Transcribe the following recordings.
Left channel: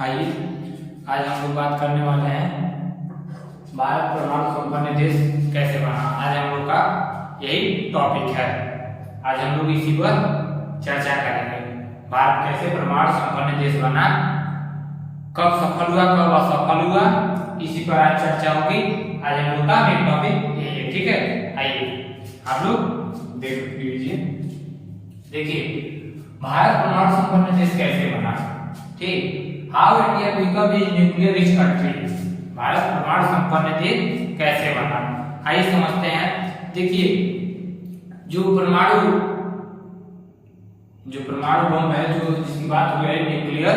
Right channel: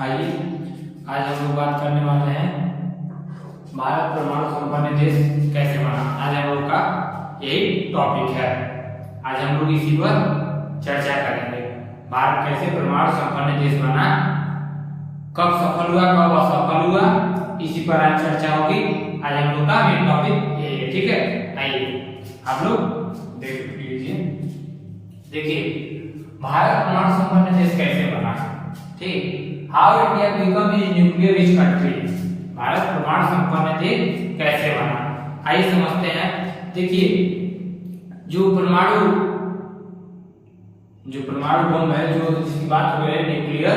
आइए आज हम लोग बात करने वाले हैं भारत परमाणु संपन्न देश कैसे बना। आज हम लोग का यही टॉपिक है। आज हम लोग इसी पर चर्चा करेंगे। भारत कैसे परमाणु संपन्न देश बना, कब सफल हुआ, कब असफल हुआ, इसी पर आज चर्चा होगी। आज हम लोग का मेन टॉपिक यही है। ठीक है, आइए आप लोग देख लीजिए। देखिए भारत परमाणु संपन्न देश कैसे बना। ठीक, how India become a nuclear rich country. Bharat परमाणु संपन्न देश कैसे बना, आइए समझते हैं। देखिए जो परमाणु बम है, जो जिसकी बात हो रही है न्यूक्लियर,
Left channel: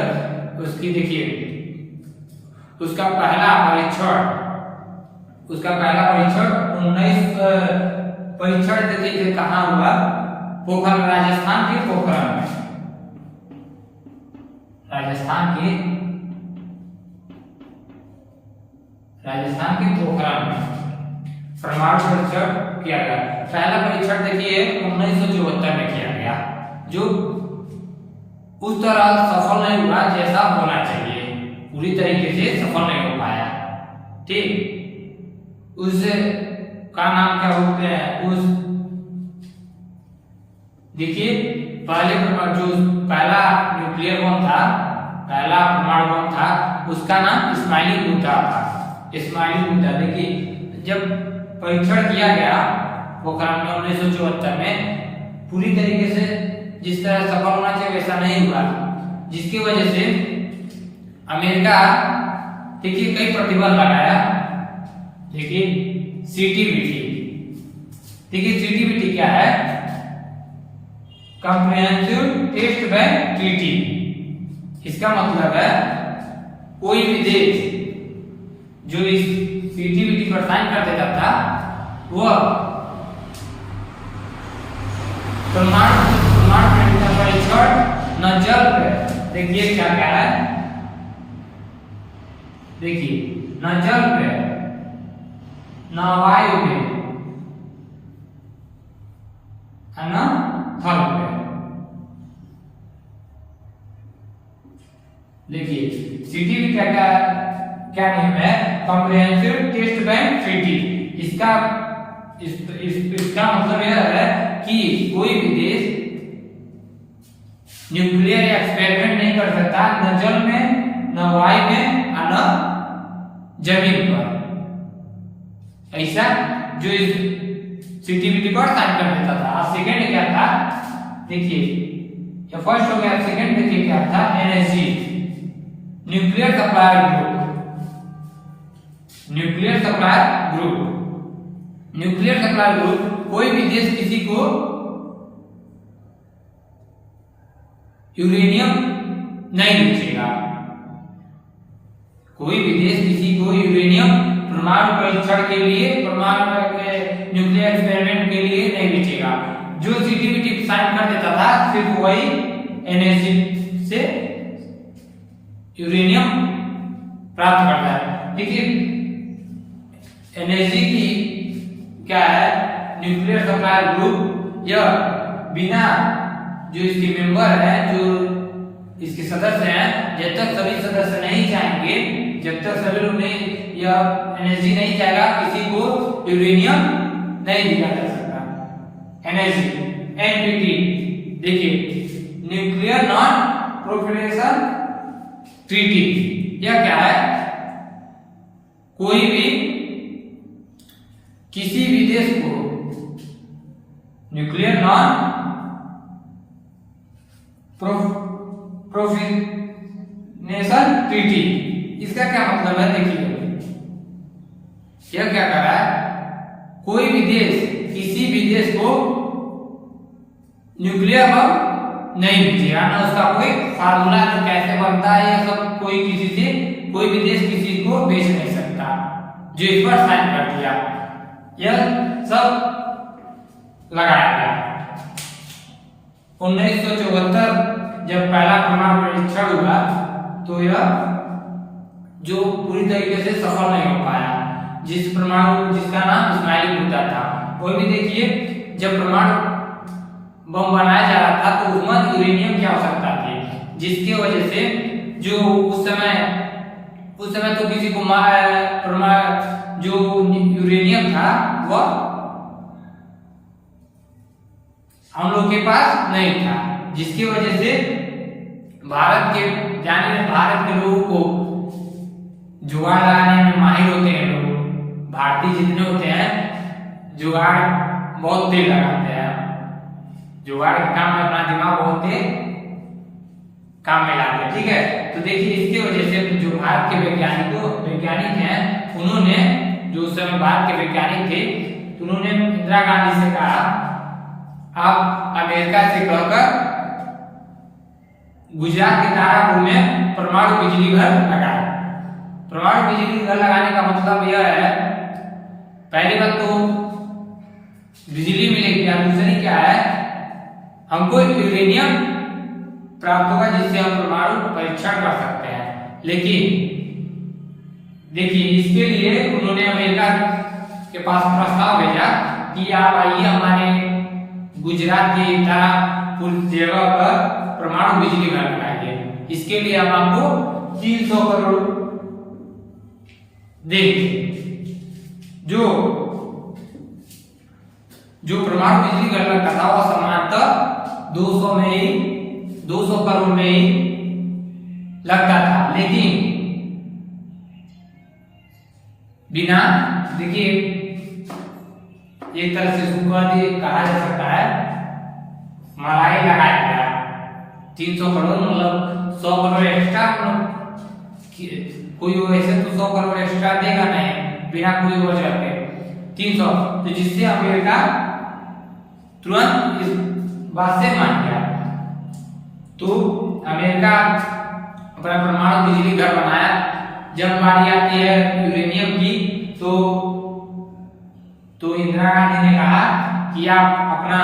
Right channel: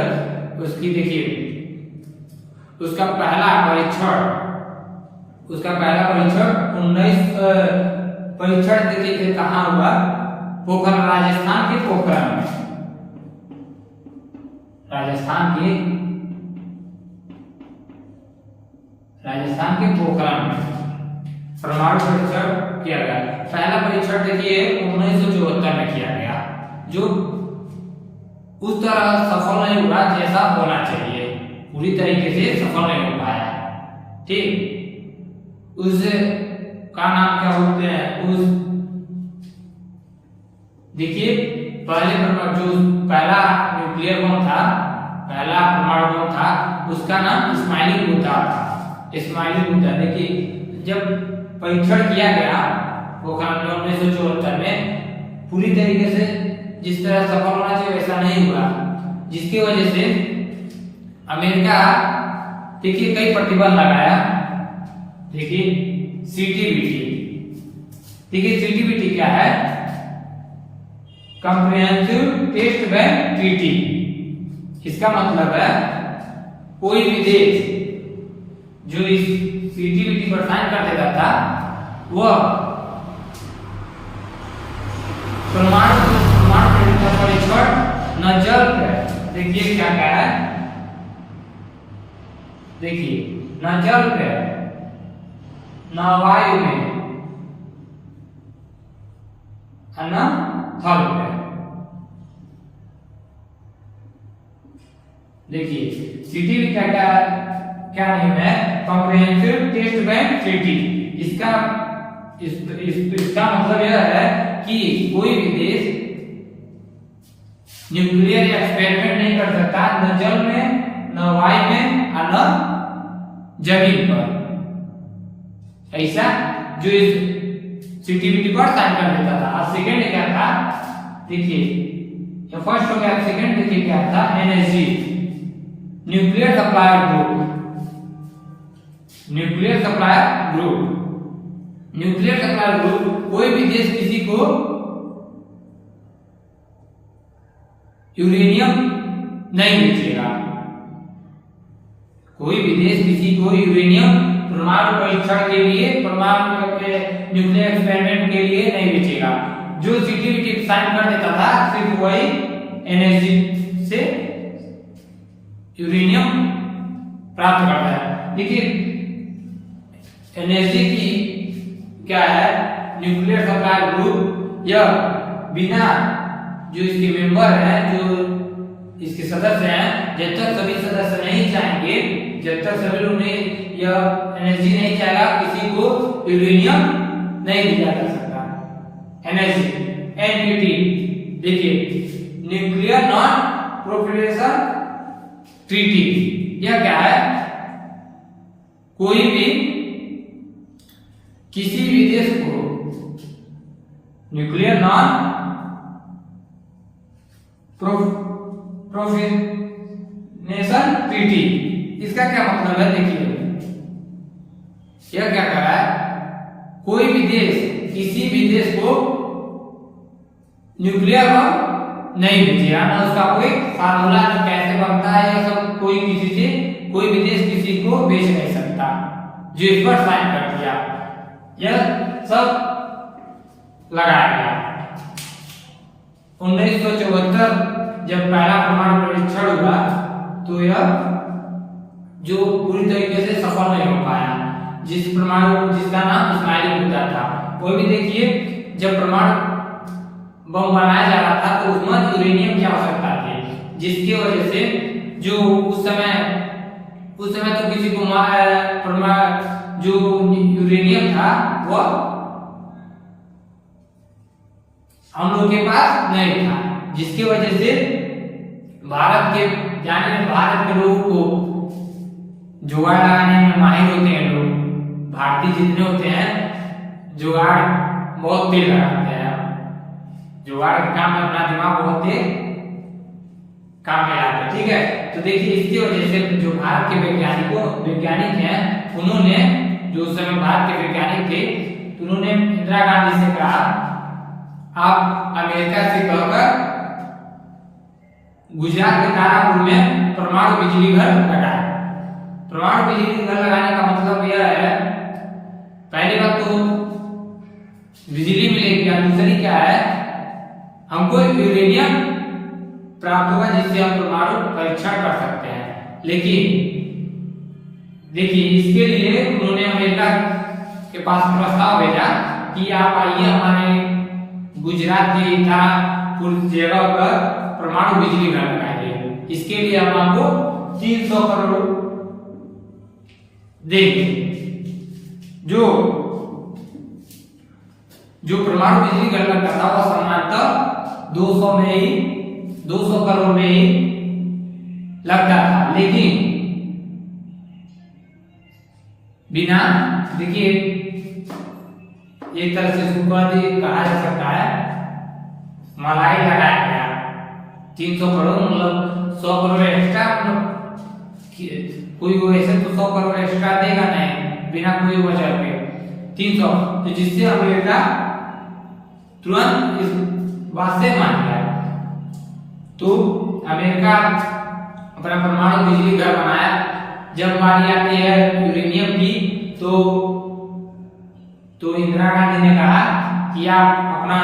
उसकी देखिए उसका पहला परीक्षण देखिए कहाँ हुआ, पोखरण, राजस्थान के पोखरण में। राजस्थान के पोखरण में परमाणु परीक्षण किया गया। पहला परीक्षण देखिए 1974 में किया गया, जो उस तरह सफल नहीं हुआ जैसा होना चाहिए, पूरी तरीके से सफल नहीं हो पाया। ठीक, उस का नाम क्या बोलते हैं, उस देखिए पहला न्यूक्लियर बम था, पहला परमाणु बम था, उसका नाम स्माइलिंग बुद्धा था। स्माइलिंग बुद्धा देखिए जब परीक्षण किया गया पोखरण में 1974 में, पूरी तरीके से जिस तरह सफल होना चाहिए वैसा नहीं हुआ, जिसकी वजह से अमेरिका देखिए कई प्रतिबंध लगाया। देखिए सीटीबीटी, देखिए सीटीबीटी क्या है, कॉम्प्रिहेंसिव टेस्ट बैंक ट्रीटी। इसका मतलब है कोई भी देश जो इस सीटीबीटी पर साइन कर देता था, वह परमाणु परीक्षण न जल पे, देखिए क्या क्या है, देखिए न जल पे, न वायु में, न थल पे। देखिए सीटीबीटी का क्या नियम है, कॉम्प्रिहेंसिव टेस्ट बैंक ट्रीटी। इसका मतलब यह है कि कोई भी देश न्यूक्लियर एक्सपेरिमेंट नहीं कर सकता, न जल में, न वायु में, और न जमीन पर। ऐसा जो इस सीटीबीटी पर साइन कर देता था। अब सेकंड क्या था, देखिए फर्स्ट हो गया, सेकंड देखिए क्या था, NSG, nuclear supplier group. Nuclear supplier group कोई भी देश किसी को यूरेनियम नहीं बेचेगा, कोई भी देश किसी को यूरेनियम परमाणु परीक्षण के लिए, परमाणु न्यूक्लियर एक्सपेरिमेंट के लिए नहीं बेचेगा। जो सीटीबीटी साइन कर देता था सिर्फ वही एनएसजी से यूरेनियम प्राप्त करता है। देखिए एनएसजी की क्या है, न्यूक्लियर सप्लायर ग्रुप, यह बिना जो इसके मेंबर हैं, जो इसके सदस्य हैं, जब तक सभी सदस्य नहीं चाहेंगे, जब तक सभी लोग नहीं, यह एनएसजी नहीं चाहेगा, किसी को यूरेनियम नहीं दिया जा सकता। एनएसजी एनपीटी, देखिए न्यूक्लियर नॉन प्रोलिफरेशन ट्रीटी। यह क्या है, कोई भी किसी भी देश को न्यूक्लियर नॉन प्रोलिफरेशन ट्रीटी, इसका क्या मतलब है, देखिए यह क्या कर रहा है, कोई भी देश किसी भी देश को न्यूक्लियर बम नहीं बेचेगा, ना उसका कोई फार्मूला कैसे बनता है, यह सब कोई भी देश किसी को बेच नहीं सकता। जो इस पर साइन कर दिया, यह सब लगाया गया। 1974 जब पहला परमाणु परीक्षण हुआ, तो यह जो पूरी तरीके से सफल नहीं हो पाया, जिसका नाम स्माइलिंग बुद्धा था। कोई भी देखिए जब परमाणु बम बनाया जा रहा था तो उसमें यूरेनियम की आवश्यकता थी, जिसकी वजह से जो उस समय तो किसी को जो यूरेनियम था वह हम लोग के पास नहीं था, जिसकी वजह से भारत के लोगों को जुगाड़ लगाने में माहिर होते हैं। लोग भारतीय जितने होते हैं जुगाड़ बहुत तेज लगाते हैं, जुगाड़ के काम में अपना दिमाग बहुत तेज काम में लाते हैं। ठीक है, तो देखिए इसकी वजह से जो भारत के वैज्ञानिक हैं, उन्होंने जो उस समय भारत के वैज्ञानिक थे, तो उन्होंने इंदिरा गांधी से कहा आप अमेरिका से कहकर गुजरात के तारापुर में परमाणु बिजली घर लगाए। परमाणु बिजली घर लगाने का मतलब यह है, पहली बात तो बिजली मिलेगी, और दूसरी क्या है, हमको यूरेनियम प्राप्त होगा जिससे हम परमाणु परीक्षण कर सकते हैं। लेकिन देखिए इसके लिए उन्होंने अमेरिका के पास प्रस्ताव भेजा कि आप आइए हमारे गुजरात की तारापुर जगह पर परमाणु बिजली घर लगाएंगे, इसके लिए हम आपको 300 करोड़ देंगे। जो परमाणु बिजली घर लगता था वह सामान्यतः 200 करोड़ में ही लगता था, लेकिन बिना देखिए एक तरह से कहा जा सकता है मलाई लगाया गया। 300 करोड़ मतलब 100 करोड़ एक्स्ट्रा, कोई वैसे तो 100 करोड़ एक्स्ट्रा देगा नहीं बिना कोई वजह के 300, तो जिससे अमेरिका तुरंत इस बात से मान गया। तो अमेरिका अपना परमाणु बिजली घर बनाया। जब बारी आती है यूरेनियम की, तो इंदिरा गांधी ने कहा कि आप अपना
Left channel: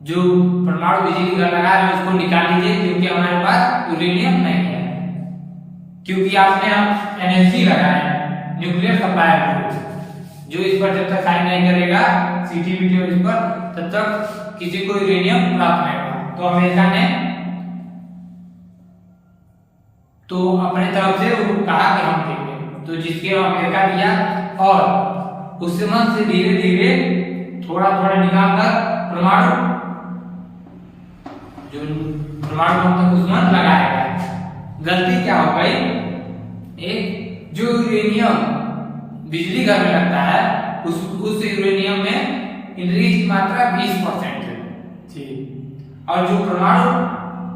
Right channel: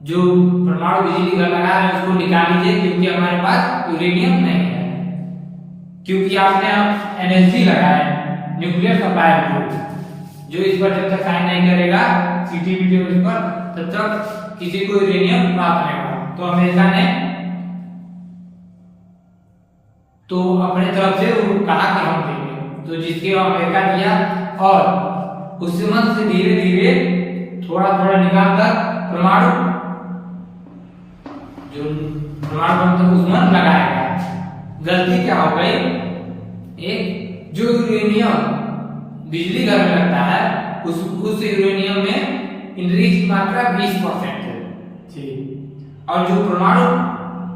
जो परमाणु बिजली घर लगा रहे हैं उसको निकाल लीजिए, क्योंकि हमारे पास यूरेनियम नहीं है, क्योंकि आपने एनएसजी लगाया है, न्यूक्लियर सप्लाई बोर्ड, जो इस पर जब तक साइन नहीं करेगा सीटीबीटी इस पर, तब तक किसी को यूरेनियम प्राप्त नहीं होगा। तो अमेरिका ने तो अपने तरफ से कहा कि हम देंगे, तो जिसके अमेरिका दिया, और उस समय से धीरे धीरे थोड़ा निकाल कर परमाणु बम उसमें लगाया गया। गलती क्या हो गई, एक जो यूरेनियम बिजली घर में लगता है उस यूरेनियम में इनरिच की मात्रा 20% है, ठीक, और जो परमाणु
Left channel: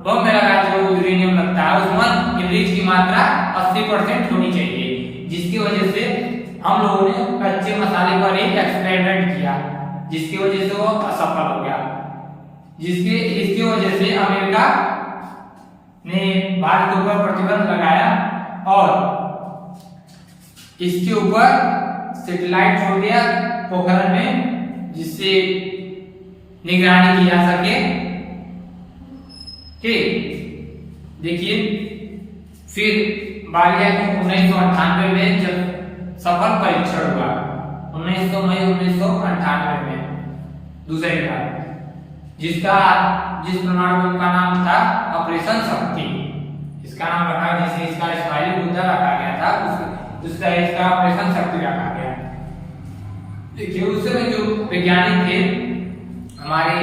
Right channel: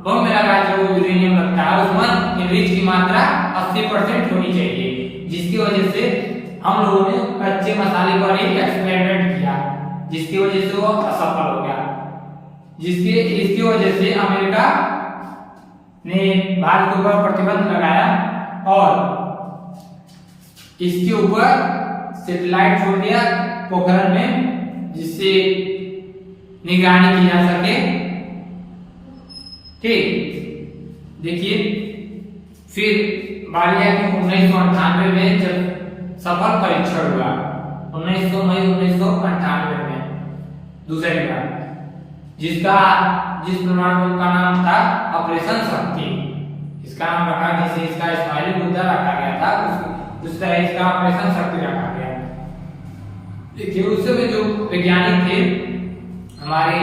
बम में लगा जो यूरेनियम लगता है उसमें इनरिच की मात्रा 80% होनी चाहिए, जिसकी वजह से हम लोगों ने कच्चे मसाले पर ही एक्सपेरिमेंट किया, जिसकी वजह से वो असफल हो गया। इसकी वजह से अमेरिका ने भारत के ऊपर प्रतिबंध लगाया और इसके ऊपर सैटेलाइट छोड़ दिया पोखरण में, जिससे निगरानी की जा सके। ठीक, देखिए फिर बारी आई 1998 में जब सफल परीक्षण हुआ, 19 मई 1998 में दूसरी बार, जिस परमाणु बम का नाम था ऑपरेशन शक्ति। इसका नाम रखा, जैसे इसका इस्माइली मुद्दा रखा गया था उसका इसका ऑपरेशन शक्ति रखा गया। देखिए उस समय जो वैज्ञानिक थे हमारे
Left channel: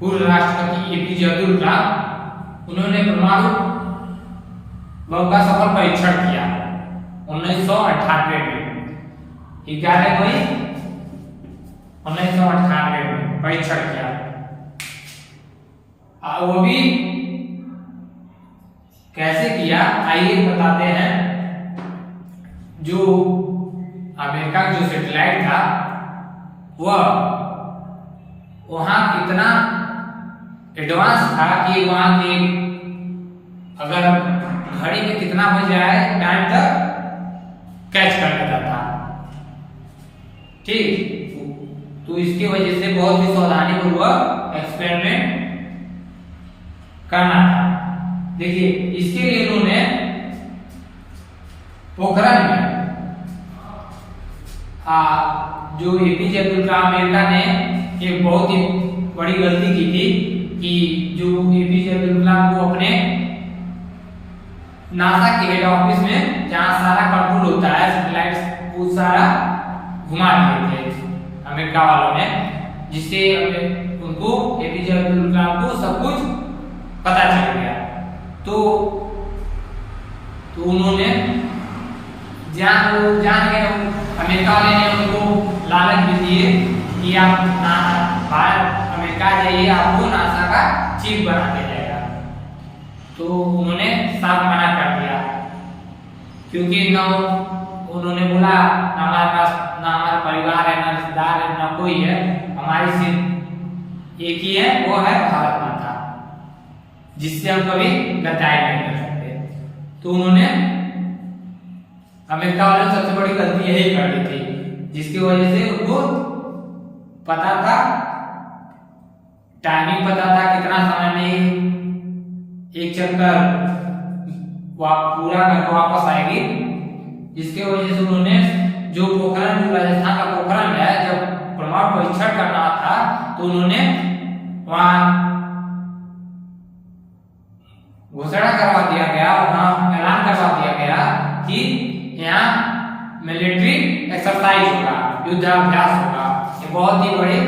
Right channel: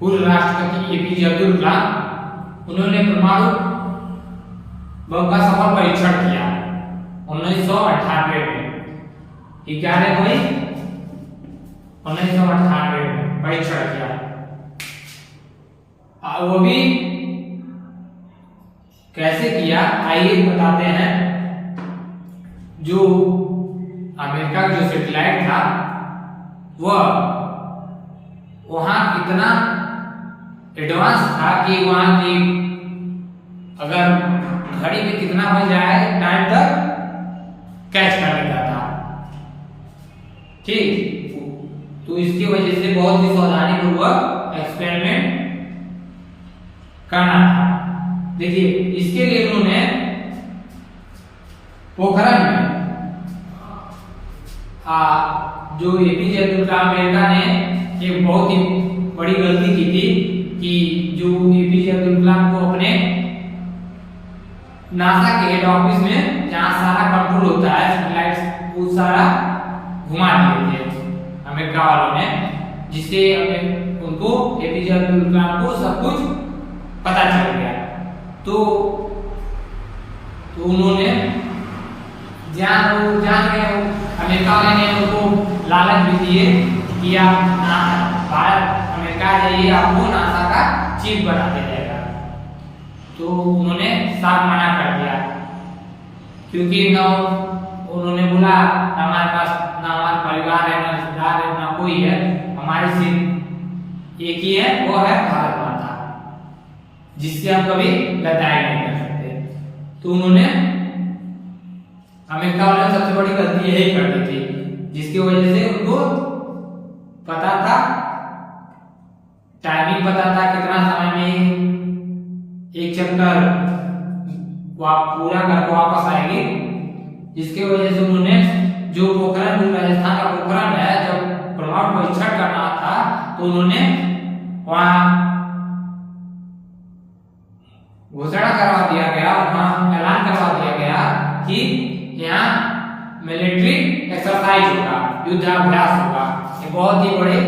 पूर्व राष्ट्रपति एपीजे अब्दुल कलाम, उन्होंने परमाणु बम का सफल परीक्षण किया 1998 में, 11 मई 1998 में परीक्षण किया। वो भी कैसे किया आइए बताते हैं। जो अमेरिका का जो सैटेलाइट था वह वहां इतना एडवांस था कि वहां की अगर घड़ी में कितना बज जाए टाइम तक कैच कर लेता था, ठीक। तो इसकी वजह से बहुत ही सावधानी पूर्वक एक्सपेरिमेंट करना था। देखिए इसके लिए उन्होंने पोखरण में जो एपीजे अब्दुल कलाम अमेरिका ने एक बहुत ही बड़ी गलती की थी कि जो एपीजे अब्दुल कलाम को अपने नासा के हेड ऑफिस में जहाँ सारा कंट्रोल होता है सैटेलाइट वो सारा घुमा दिए थे अमेरिका वालों ने, जिससे उनको एपीजे अब्दुल कलाम को सब कुछ पता चल गया। तो उन्होंने जान गए, अमेरिका वाले ने उनको लालच भी दिए कि आप अमेरिका जाइए, आपको नासा का चीफ बना दिया जाएगा। तो उन्होंने साफ मना कर दिया, क्योंकि न उन्होंने बोला हमारे पास ना हमारे परिवार है, ना रिश्तेदार है, ना कोई है, हमारी सिर्फ एक ही है, वो है भारत माता, जिससे हम कभी गद्दारी नहीं कर सकते। तो उन्होंने अमेरिका वालों ने सबसे बड़ी गलती यही कर दी थी, जिसकी वजह से उनको पता था, टाइमिंग पता था कितना समय में एक चक्कर पूरा करके वापस आएगी, जिसके वजह से उन्होंने जो पोखरण, जो राजस्थान का पोखरण है, जब परमाणु परीक्षण करना था तो उन्होंने वहां घोषणा करवा दिया गया, वहां ऐलान करवा दिया गया कि यहाँ मिलिट्री एक्सरसाइज होगा, युद्धाभ्यास होगा, ये बहुत ही बड़े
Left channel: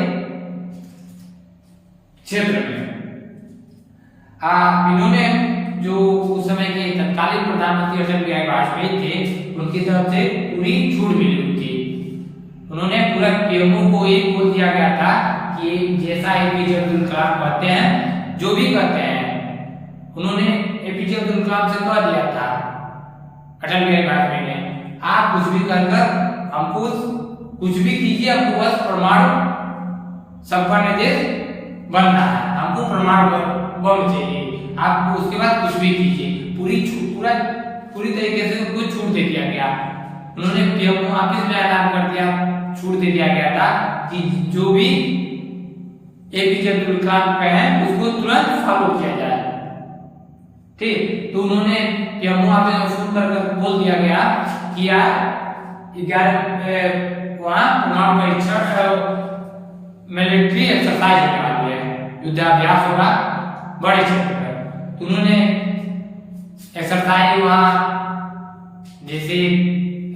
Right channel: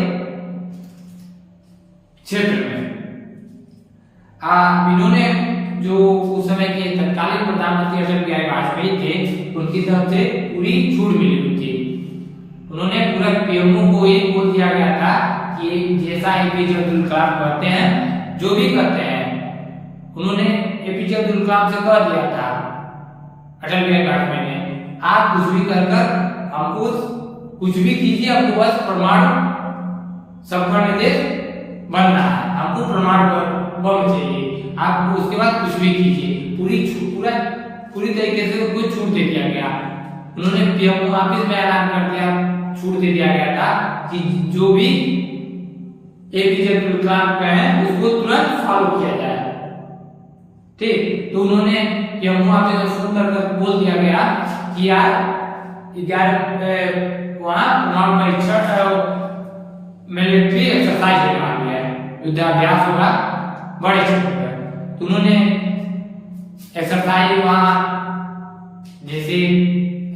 क्षेत्र में। इन्होंने जो उस समय के तत्कालीन प्रधानमंत्री अटल बिहारी वाजपेयी थे, उनकी तरफ से पूरी छूट मिली हुई थी। उन्होंने पूरा पीएमओ को ये बोल दिया गया था कि जैसा एपीजे अब्दुल कलाम करते हैं, जो भी करते हैं, उन्होंने एपीजे अब्दुल कलाम से कह दिया था अटल बिहारी वाजपेयी ने, आप कुछ भी कर हमको कुछ भी कीजिए, हमको बस परमाणु संपन्न देश बनना है, हमको परमाणु बम चाहिए, आप उसके बाद कुछ भी कीजिए, पूरी तरीके से कुछ छूट दे दिया गया। उन्होंने पीएमओ ऑफिस में ऐलान कर दिया, छूट दे दिया गया था कि जो भी एपीजे अब्दुल कलाम का है उसको तुरंत फॉलो किया जाए। ठीक, तो उन्होंने पीएमओ ऑफिस में सुनकर बोल दिया गया कि यार 11 वहां परमाणु परीक्षण मिलिट्री एक्सरसाइज होने वाली है, युद्धाभ्यास होगा बड़े क्षेत्र पर। तो उन्होंने एक्सरसाइज वहां, जैसे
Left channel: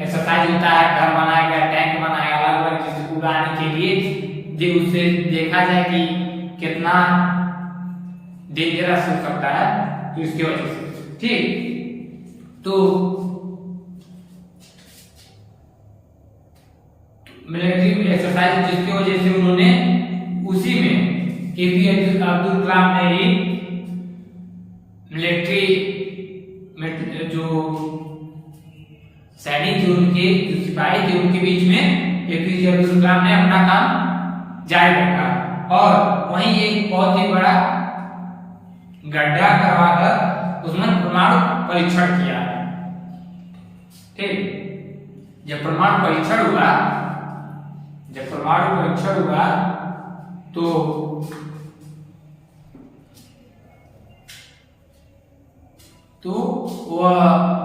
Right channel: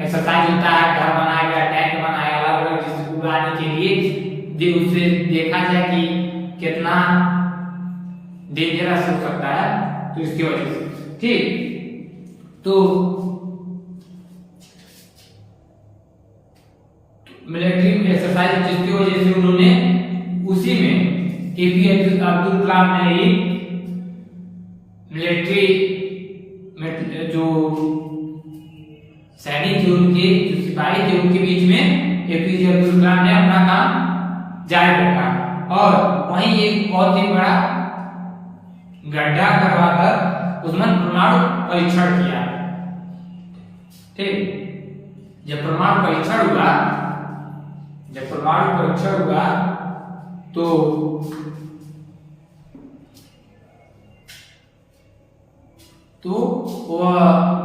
एक्सरसाइज होता है, घर बनाया गया, टैंक बनाया, अलग अलग चीज उड़ाने के लिए, उससे देखा जाए कि कितना डेंजरस हो सकता है, तो इसकी वजह से। ठीक, तो मिलिट्री एक्सरसाइज जिसकी वजह से उन्होंने उसी में एपीजे अब्दुल कलाम ने ही मिलिट्री में जो सैनिक थे, उनके जो सिपाही थे, उनके बीच में एपीजे अब्दुल कलाम ने अपना काम जारी रखा और वहीं एक बहुत ही बड़ा गड्ढा करवाकर उसमें परमाणु परीक्षण किया। ठीक, जब परमाणु परीक्षण हुआ तो वह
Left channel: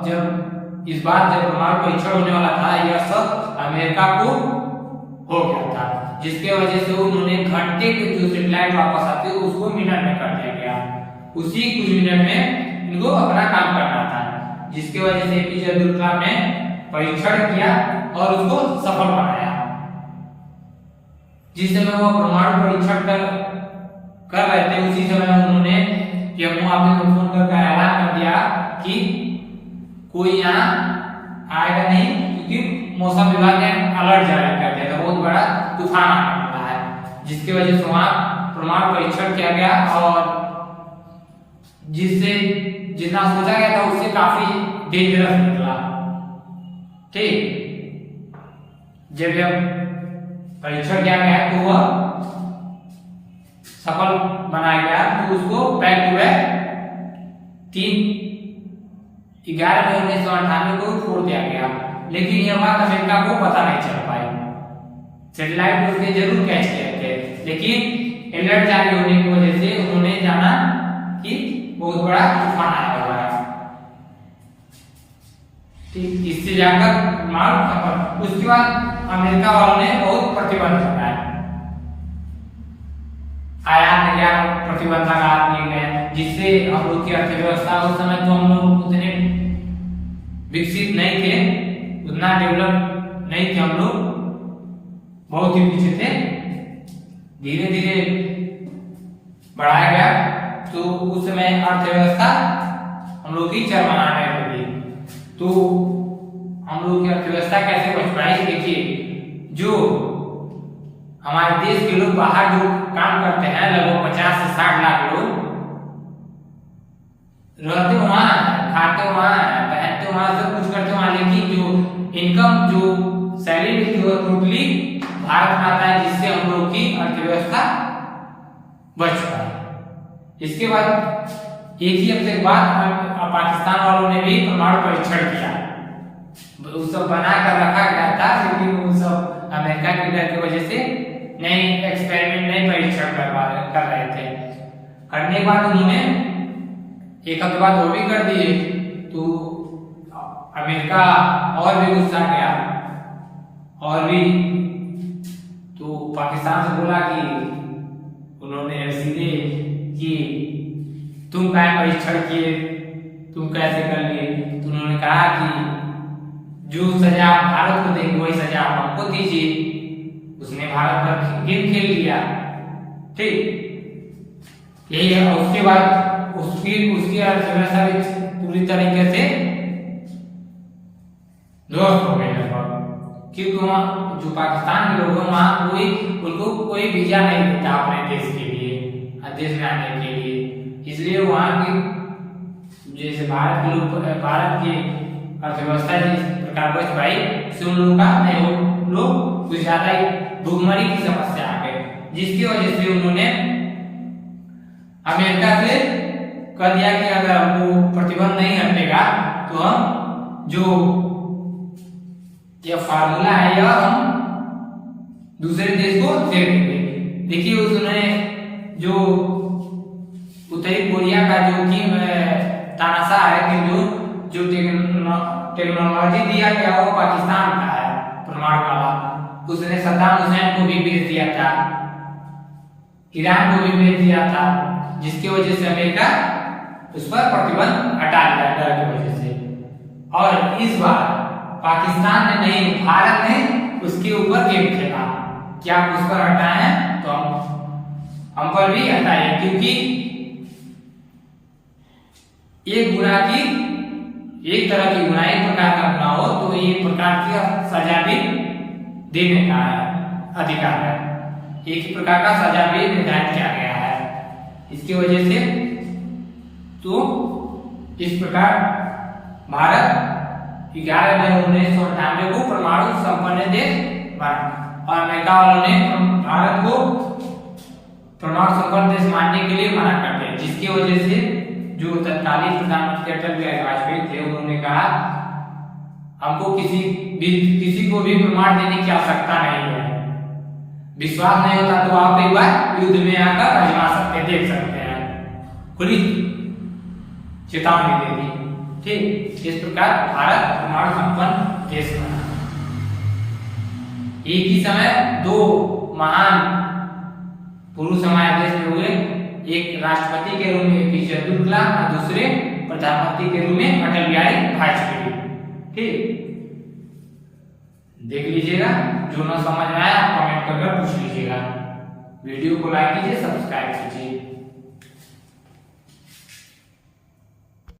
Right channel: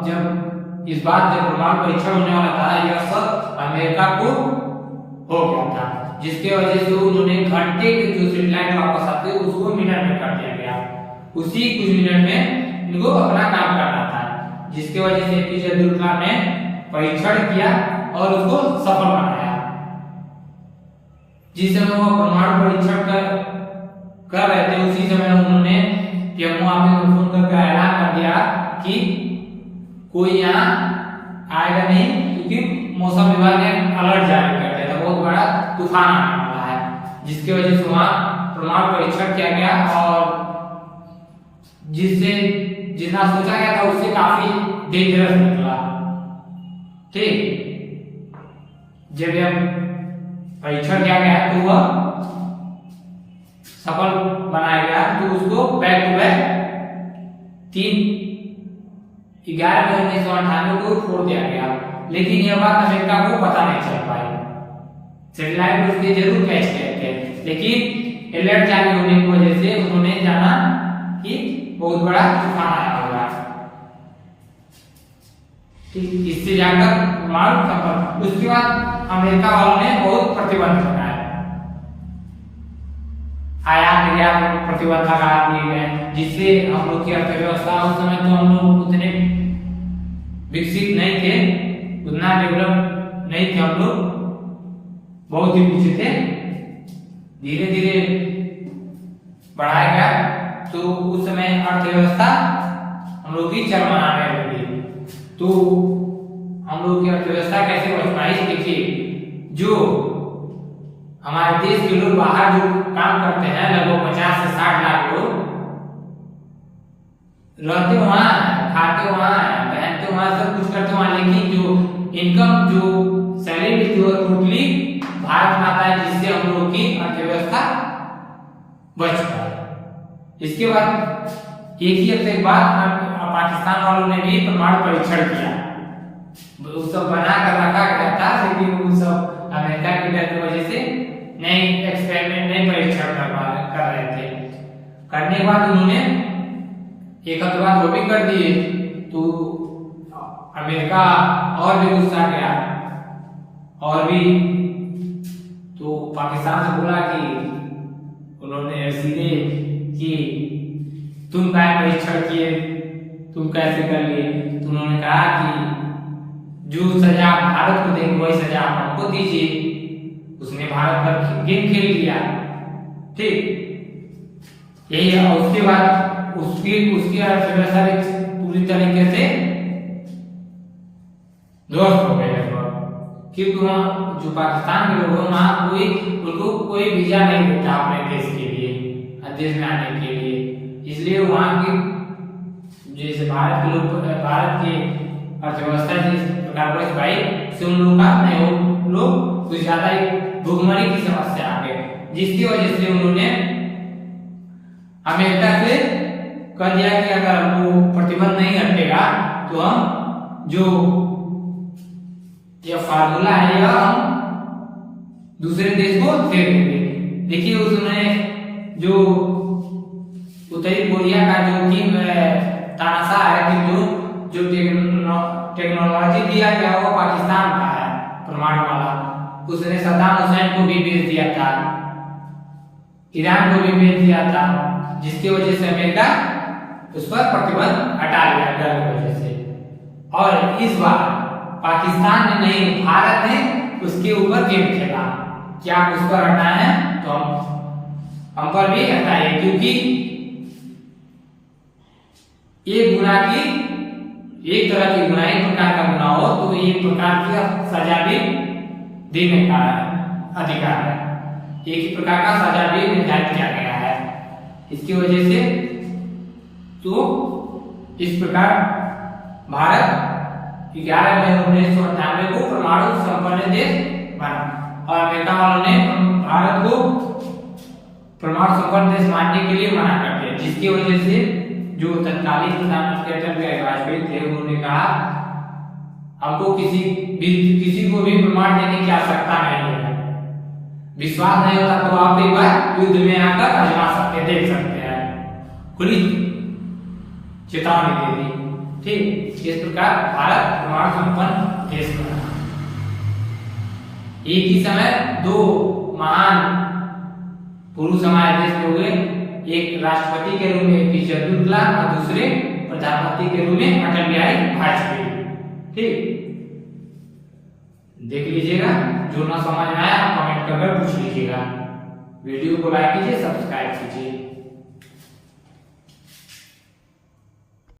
जब इस बार जब परमाणु परीक्षण होने वाला था, यह सब अमेरिका को हो गया था, जिसके वजह से उन्होंने घंटे के जो सैटेलाइट वापस आते उसको मिनट में कर दिया गया। उसी कुछ मिनट में इनको अपना काम करना था, जिसके वजह से एपीजे अब्दुल कलाम ने परीक्षण किया और उसको सफल बनाया। जिस समय वो परमाणु परीक्षण कर रहे थे, उसी समय उन्होंने पीएमओ ऑफिस में फोन करके ऐलान कर दिया कि कोई यहाँ आएगा नहीं, क्योंकि मौसम विभाग ने अलर्ट जारी कर दिया था, बहुत बड़ा तूफान आने वाला है, जिसकी वजह से वहां परमाणु परीक्षण किया गया और जिससे जितना सोचा गया था उससे काफी डेंजरस निकला। ठीक, जब परीक्षण किया गया तो वह सफल बनाया गया, तो उसको बैक टू बैक 11 मई 1998 को छोड़ दिया गया। लेकिन यह बात अमेरिका को पता नहीं चल पाई। सैटेलाइट उसके जरूर कैच किए थे, लेकिन अलर्ट जारी होने की वजह से उन्होंने जाना कि बहुत बड़ा तूफान आया हुआ है। ठीक, इससे जाकर परमाणु सफल। उसके बाद अमेरिका वालों ने बहुत प्रतिबंध लगाए, आयात निर्यात प्रतिबंध लगा दिए गए, जिससे हम लोग की अर्थव्यवस्था उस समय तो हम लोग उतने विकसित नहीं थे, उतना डेवलप नहीं थे हम लोग, बहुत ही पीछे थे। धीरे धीरे बढ़ाया गया तो उस समय अर्थव्यवस्था हम लोग की चरमराने लगी। तो हम लोग की अर्थव्यवस्था कैसे बच पाई? देखिए, जो हमारे देश के लोग बाहर जो काम करते हैं, लगभग 50 से 60 लाख लोग रहते वहां, खाते वहां, पहनते वहां, सब कुछ करते वहां, लेकिन जो इनकम, जो सैलरी जो टोटली भारत में आता है, जिससे हम लोग की अर्थव्यवस्था बच पाई। इसके बाद एक ही हफ्ते के बाद पाकिस्तान वालों ने भी परमाणु परीक्षण किया। वो सब बना कर रखा गया था, लेकिन वो सब अमेरिका के डर की वजह से नई एक्सपेरिमेंट, नई परीक्षण कर रहे थे। करने के बाद उन्होंने एक हफ्ते बाद वो भी कर दिए, तो अमेरिका और भी गुस्सा गया और भी, तो पाकिस्तान से बोला कि उन्होंने सीधे कि तुम क्या परीक्षण किए, तुम कैसे कर लिए? तो उन्होंने कहा कि जो सजा भारत को देंगे वही सजा हमको दीजिए। उसने भारत पर गेम खेल लिया, ठीक, यही है। उसके बाद उसकी अर्थव्यवस्था पूरी तरीके से ध्वस्त हो गई है, क्योंकि वहाँ जो पाकिस्तान के लोग हैं वहाँ उनको कोई वीजा नहीं देता अपने देश के लिए, देश में आने के लिए। इसलिए वहाँ की जैसे भारत के लोग, भारत की अर्थव्यवस्था जिस प्रकार बढ़ पाई, से उन लोगों का नहीं, वो लोग कुछ ज्यादा ही भुखमरी की समस्या आ गई, जिसकी वजह से उन्होंने अमेरिका से कह दिया कि अगर हमको प्रतिबंध नहीं हटेगा तो हम जो यह फार्मूला है यह हम दूसरे देश को दे देंगे। देखिए, उसने जो उत्तरी कोरिया का जो कि तानाशाह है कि जो टेक्नोलॉजी दिया गया वो पाकिस्तान का है, परमाणु वाला, उसने सद्दाम हुसैन को भी भेज दिया था, ईरान को भी भेज दिया था, जिसकी वजह से अमेरिका उस पर प्रतिबंध हटा लिया डर की वजह से। और इस बार पाकिस्तान ने नहीं, भारत ने उसके ऊपर गेम खेला कि आप उस पर हटाए तो हम पर भी हटाए, क्योंकि एक गुनाह की, एक तरह की गुनाह, एक प्रकार का गुनाह हो तो एक प्रकार की सजा भी देने का अधिकार है, एक ही प्रकार का सजा भी निर्धारित किया गया है। इसकी वजह से तो इस प्रकार भारत 11 मई 1998 को परमाणु संपन्न देश बना और अमेरिका वालों ने भारत को परमाणु संपन्न देश मानने के लिए मना कर दिया, जिसकी वजह से जो तत्कालीन प्रधानमंत्री अटल बिहारी वाजपेयी थे, उन्होंने कहा हमको किसी को भी प्रमाण देने की आवश्यकता नहीं है, विश्वास नहीं होता तो आप एक बार युद्ध में आकर आजमा सकते, देख सकते हैं, खुली चेतावनी दे दी, ठीक। इस प्रकार भारत परमाणु संपन्न देश बना। एक ही समय दो महान पुरुष हमारे देश में हुए, एक राष्ट्रपति के रूप में APJ अब्दुल कलाम और दूसरे प्रधानमंत्री के रूप में अटल बिहारी वाजपेयी, ठीक। देख लीजिएगा, जो ना समझ में आया कमेंट कर पूछ लीजिएगा। वीडियो को लाइक कीजिए, सब्सक्राइब कीजिए।